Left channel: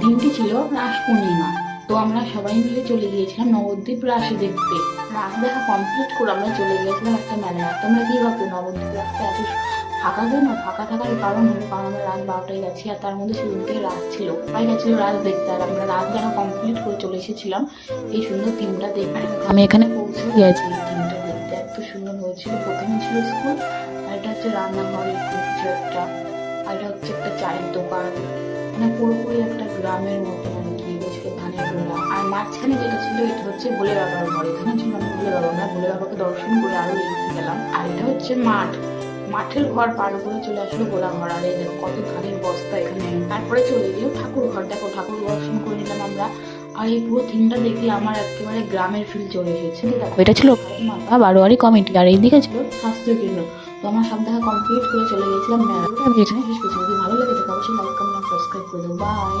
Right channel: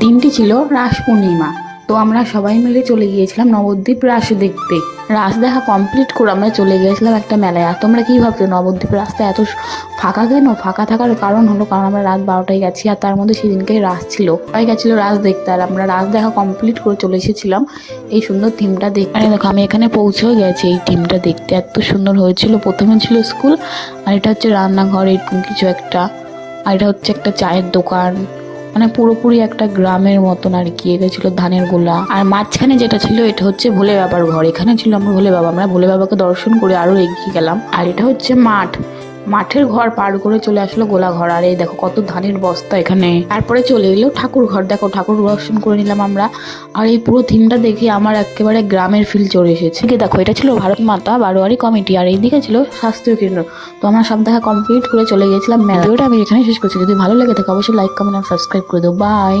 দিনটি ছিল রাস পূর্ণিমা। তো আমরা সবাই মিলে চলে গিয়েছিলাম নবদ্বীপ রাস দেখতে। রাস দেখা কমপ্লিট করে আমরা চলে গিয়েছিলাম একটা মেলায়। আর তোমরা কি ভাবছো নবদ্বীপ রাস্তা এত ফাঁকা কেন? ফাঁকা থাকার কারণ হলো কারণ আমরা রাত 12টায় গেছি, আর তার মধ্যে সেদিনকে রাস ছিল, সবাই গেছিলো রাস দেখতে। আর আমরা রাস দেখা কমপ্লিট করে চলে এসেছিলাম এই সুন্দর থিমটা দেখতে। দেখো আমি এখানে পৌঁছেও গেছি এই থিমটা দেখতে, এত সুন্দর হয়েছিল। প্রথমে ছিল স্কুল, আর এটা হচ্ছে রান্নাঘর এরকম কিছু একটা, আর এটা হচ্ছে একটা চায়ের দোকান, মানে পুরোপুরি একটা গ্রামের মতন আর কি। এটা ছিল ধানের গোলা, আর মাঝখানে যেটা ছিল এটা হচ্ছে ভোলে বাবার ঘর। এখানে ছিল আমরা ভোলে বাবা, আমরা ভোলে বাবাকে দর্শন করে আরো এগিয়ে গেলাম। আর এটা হচ্ছে মাঠ, মাঠের ঘর পার করে চলে আসলো গোলা ঘর। আর এই দেখো কত ধানের বস্তা এখানে। তারপরে চলে এলো ঠাকুর ঘর, দেখো ঠাকুর দর্শন করে নিলাম আমরা। আর এই পুরো থিমটা দেখে আমার একেবারে গ্রামের ফিল চলে এসেছে। দেখো এটা ছিল ভারত মাতা বারোয়ারি কমিটি, আর এইদিকে ছিল স্বাস্থ্য কেন্দ্র। তো আমরা সব দেখা কমপ্লিট করে চলে গেছিলাম মেলা। ভিডিওটা আমি এখানে শেষ করছি। যদি ভালো লেগে থাকে অবশ্যই লাইক কমেন্ট আর সাবস্ক্রাইব করে দেবো। বাই।